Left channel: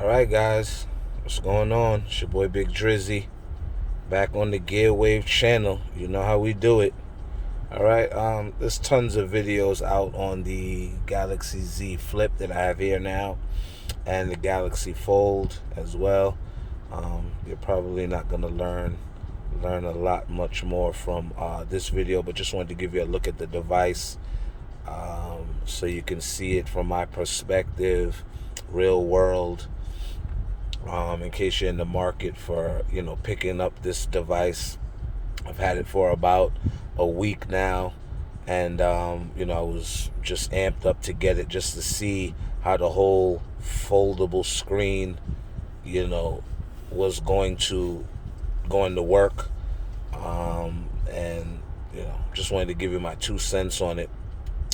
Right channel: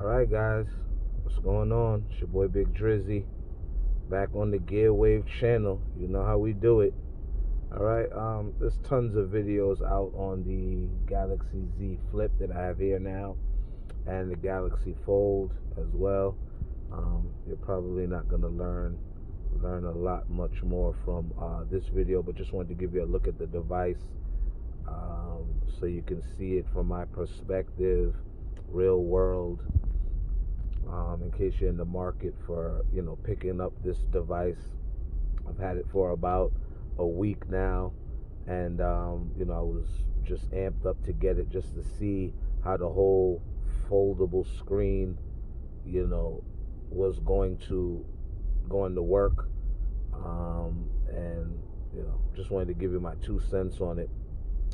Alright guys, what's going on? It's your boy Big Drizzy, back on the Gear Wave channel. You know how we do it. Alright, there's tons of videos out on the Galaxy Z Flip that I have here now, and the Galaxy Fold as well. You're probably not gonna learn a lot much more from this video, but just wanted to give you a look at the device, so you can see it from my perspective, real world. In case you're in the market for picking up this device. I've had it for about a week now, and I was just amped up to get it just to see how the whole foldable screen was going to work. And just wanted to give you my 2 cents on it.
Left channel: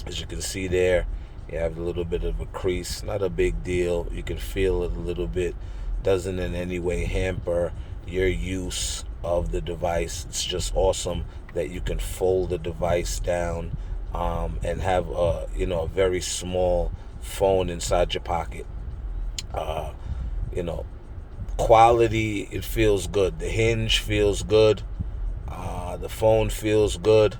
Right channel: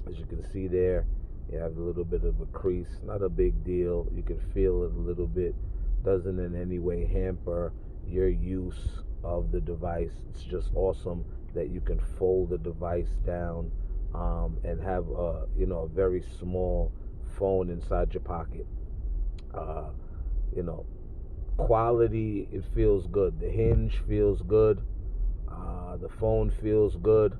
As you can see there, you have a little bit of a crease, not a big deal. You can feel it a little bit. Doesn't in any way hamper your use of the device. It's just awesome that you can fold the device down, and have a very small phone inside your pocket. Uh, you know, Quality, it feels good. The hinge feels good. The phone feels good.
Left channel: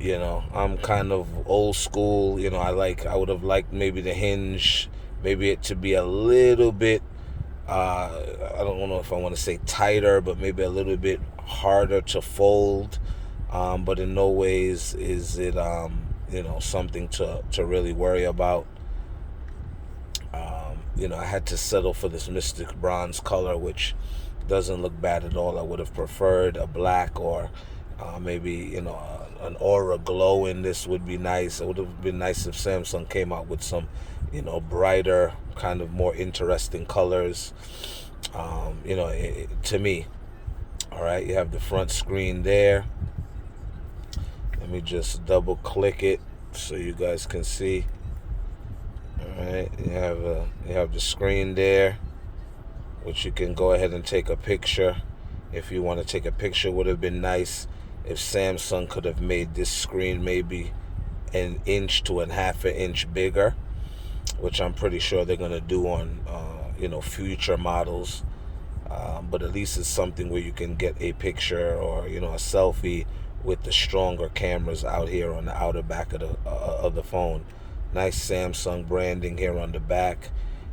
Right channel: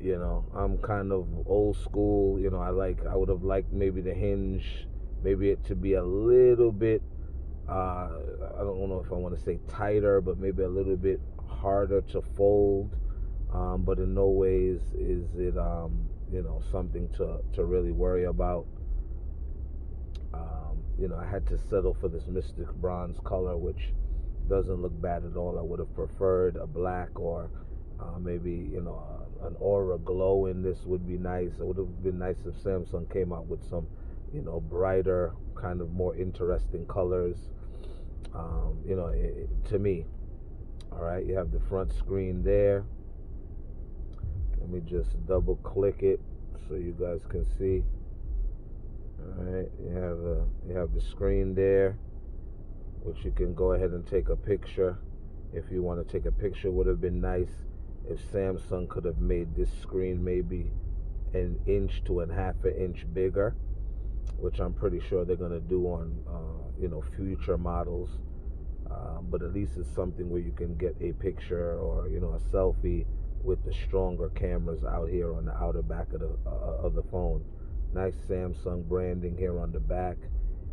I'm kind of old school. I would have liked maybe the hinge, maybe it to be a little bit, I don't know if I want to say tighter, but maybe a little bit harder to fold. But in no ways is it, something to really worry about. I had to settle for this Mystic Bronze color, which doesn't look bad at all. I would have preferred a black, or maybe an aura glow in this would be nice. It would have been nice if Samsung came out with some brighter, kind of more interesting colors. To me. All right, you have the front screen there. Let me just double click it so you guys can see. All right, you have the screen there, which you can go ahead and take a picture. If you want to take a picture, would have been nice if Samsung could have made this screen maybe an inch to a half an inch bigger, which I'm pretty sure they're gonna do on future models. But at least it's something where you can get a picture, or a selfie with the stronger cameras out here on the outer back of the phone. Nice Samsung branding here on the back.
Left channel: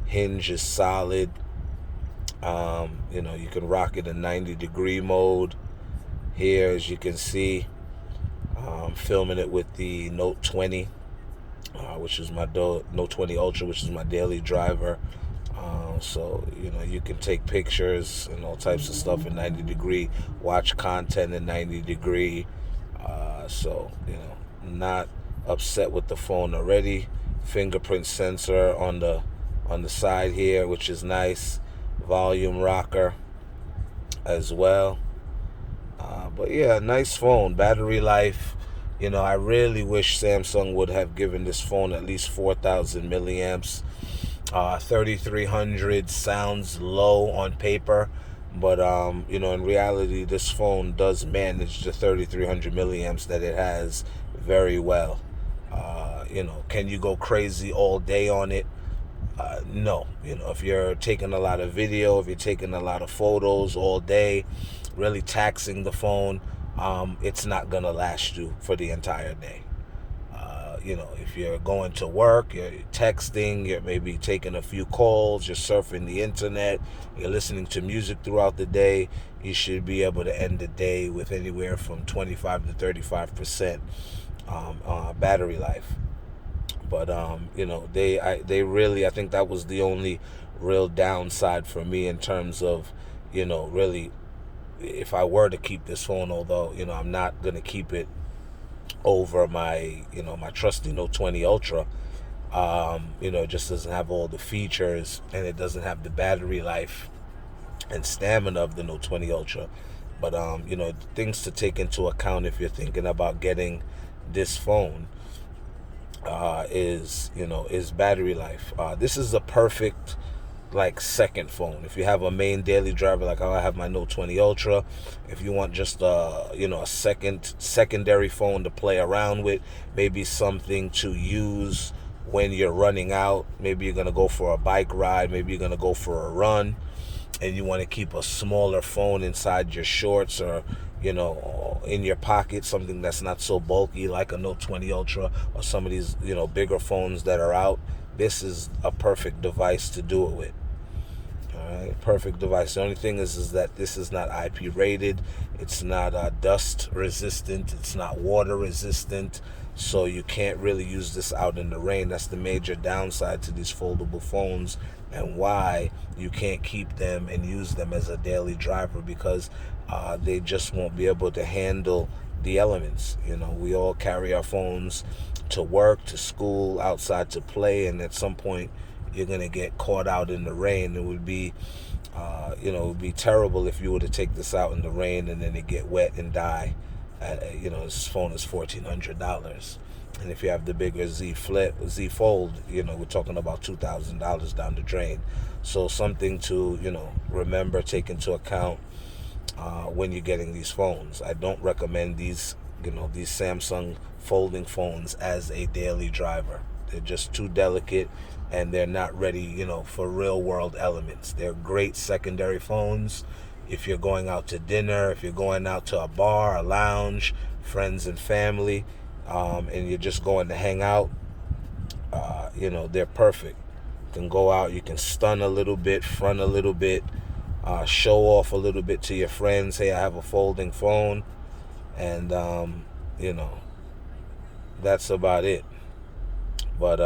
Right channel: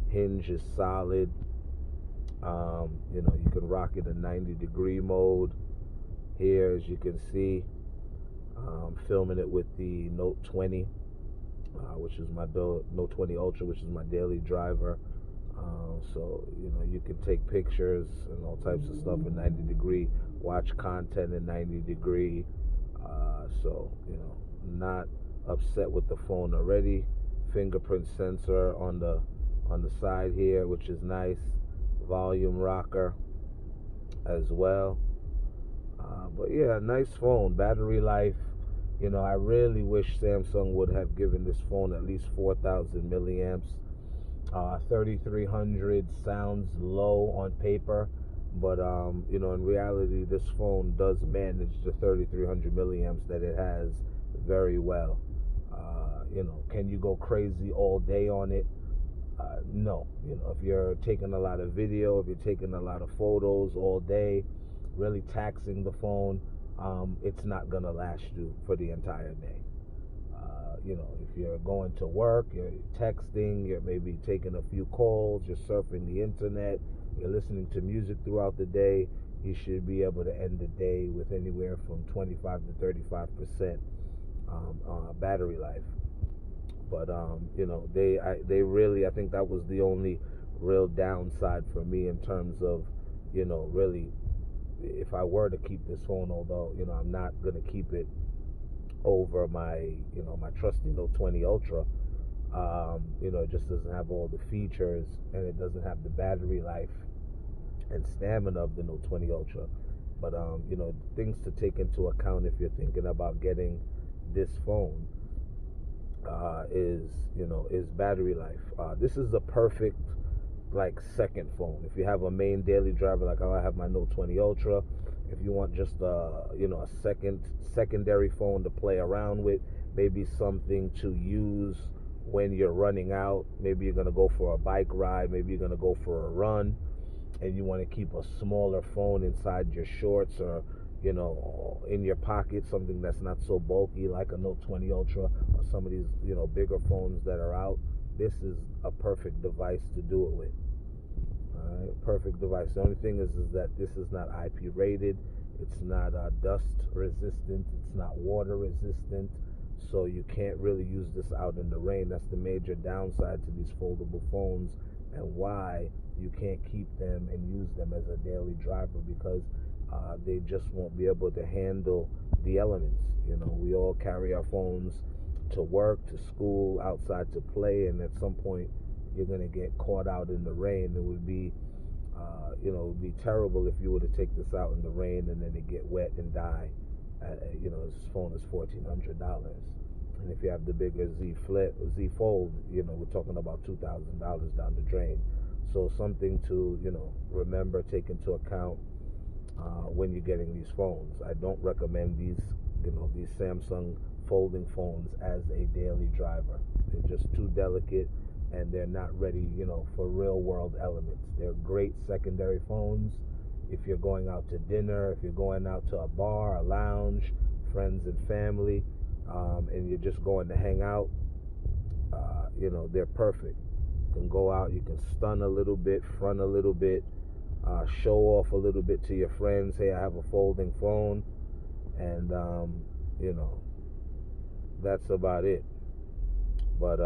Hinge is solid. You can rock it in 90-degree mode. Here, as you can see, filming it with the Note 20, which is my Note 20 Ultra, which is my daily driver. So you can take pictures and all types of stuff in 90-degree, watch content in 90-degree. So not upset with the phone already. Fingerprint sensor on the side here, which is nice. Volume rocker as well. But yeah, nice phone. Battery life, I really wish Samsung would have given this phone at least 4,000 milliamps. 3,300 sounds low on paper, but in reality, this phone does manage the 3,300 milliamps that it has very well. Can you go crazy all day on it? No. If you're taking a lot of video, if you're taking a lot of photos all day, really taxing the phone, it's not gonna last you for the entire day. If you're going to work, you're texting, you're maybe taking a few calls, you're surfing the internet, you're listening to music throughout the day, you should be able to end the day with anywhere from 25 to 35% battery life. But they really, I think that was the only real downside for me in terms of really, if I were to keep this phone, although I'm not gonna keep it over my my trusty Note 20 Ultra. It just doesn't have all the features, and it doesn't have the battery life and stamina of the Note 20 Ultra. But things to take into account if you're thinking about getting this phone, is battery life. This is a perfect second phone. If you have a main daily driver like how I have my Note 20 Ultra, if you want just a secondary phone to play around with, maybe something to use when you're running out. Maybe you're gonna go for a bike ride, maybe you're gonna go for a run, and you want to keep a smaller phone inside your shorts, or in your pocket, something that's not so bulky like a Note 20 Ultra or some of these bigger phones that are out. This is a perfect device to do it with. All right, perfect device. The only thing is that this is not IP rated. It's not dust resistant. It's not water resistant. So you can't really use this out in the rain. That's the major downside to these foldable phones, and why you can't keep them and use them as a daily driver, because they just won't be able to handle the elements. We all carry our phones to work, to school, outside to play, and at some point you're gonna get caught out in the rain. It would be it would be terrible if you were to take this out in the rain and then it get wet and die. This phone is $1,400, and if you have the bigger Z Fold, we're talking about $2,000 down the drain. So something to remember, take into account when you're getting these phones. I don't recommend these Samsung folding phones as a daily driver. They're just too delicate, and they're not ready, for real world elements. They're great secondary phones if you're going out to dinner, if you're going out to a bar, a lounge, friends and family, and you're just going to hang out. They're perfect. You can go out, you can stun a little bit, front a little bit, show off a little bit to your friends. Hey, I have a folding phone, and that's about it. But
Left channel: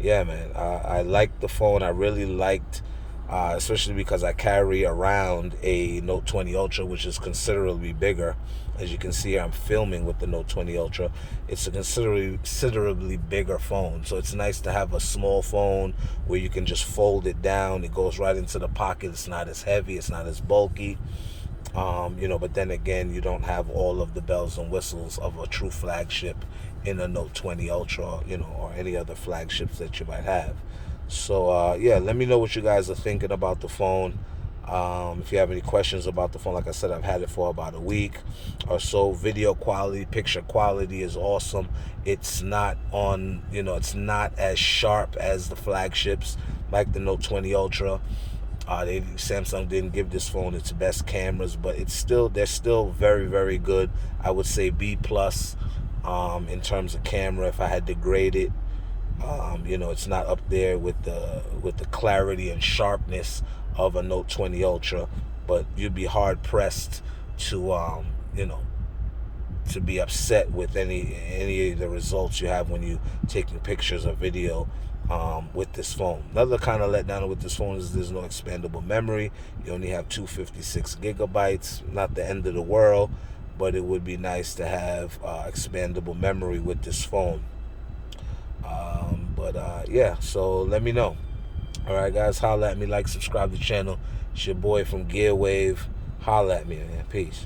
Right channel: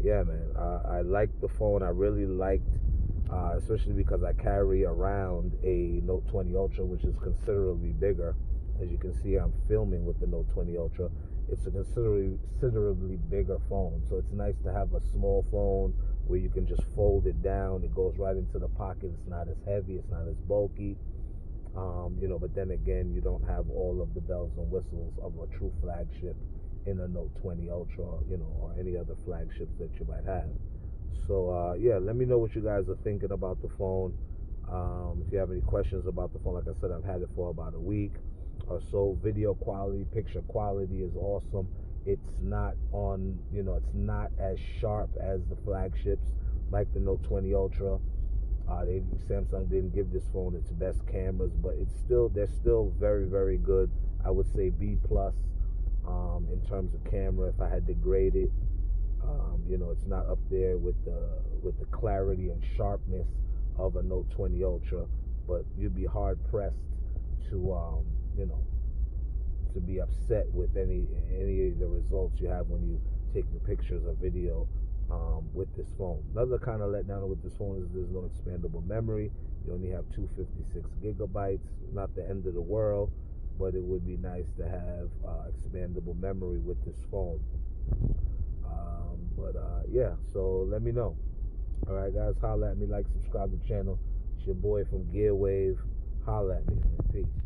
yeah, man, I liked the phone. I really liked, especially because I carry around a Note 20 Ultra, which is considerably bigger. As you can see, I'm filming with the Note 20 Ultra. It's a considerably bigger phone, so it's nice to have a small phone where you can just fold it down. It goes right into the pocket. It's not as heavy. It's not as bulky. But then again, you don't have all of the bells and whistles of a true flagship in a Note 20 Ultra, or any other flagships that you might have. So yeah, let me know what you guys are thinking about the phone. If you have any questions about the phone, like I said, I've had it for about a week or so. Video quality, picture quality is awesome. It's not it's not as sharp as the flagships like the Note 20 Ultra. Samsung didn't give this phone its best cameras, but they're still very, very good. I would say B plus in terms of camera if I had to grade it. It's not up there with the clarity and sharpness of a Note 20 Ultra, but you'd be hard pressed to to be upset with any of the results you have when you taking pictures or video with this phone. Another kind of letdown with this phone is there's no expandable memory. You only have 256 gigabytes. Not the end of the world, but it would be nice to have expandable memory with this phone. Yeah, so let me know. All right, guys, holla at me, like, subscribe to the channel. It's your boy from Gear Wave. Holla at me, man. Peace.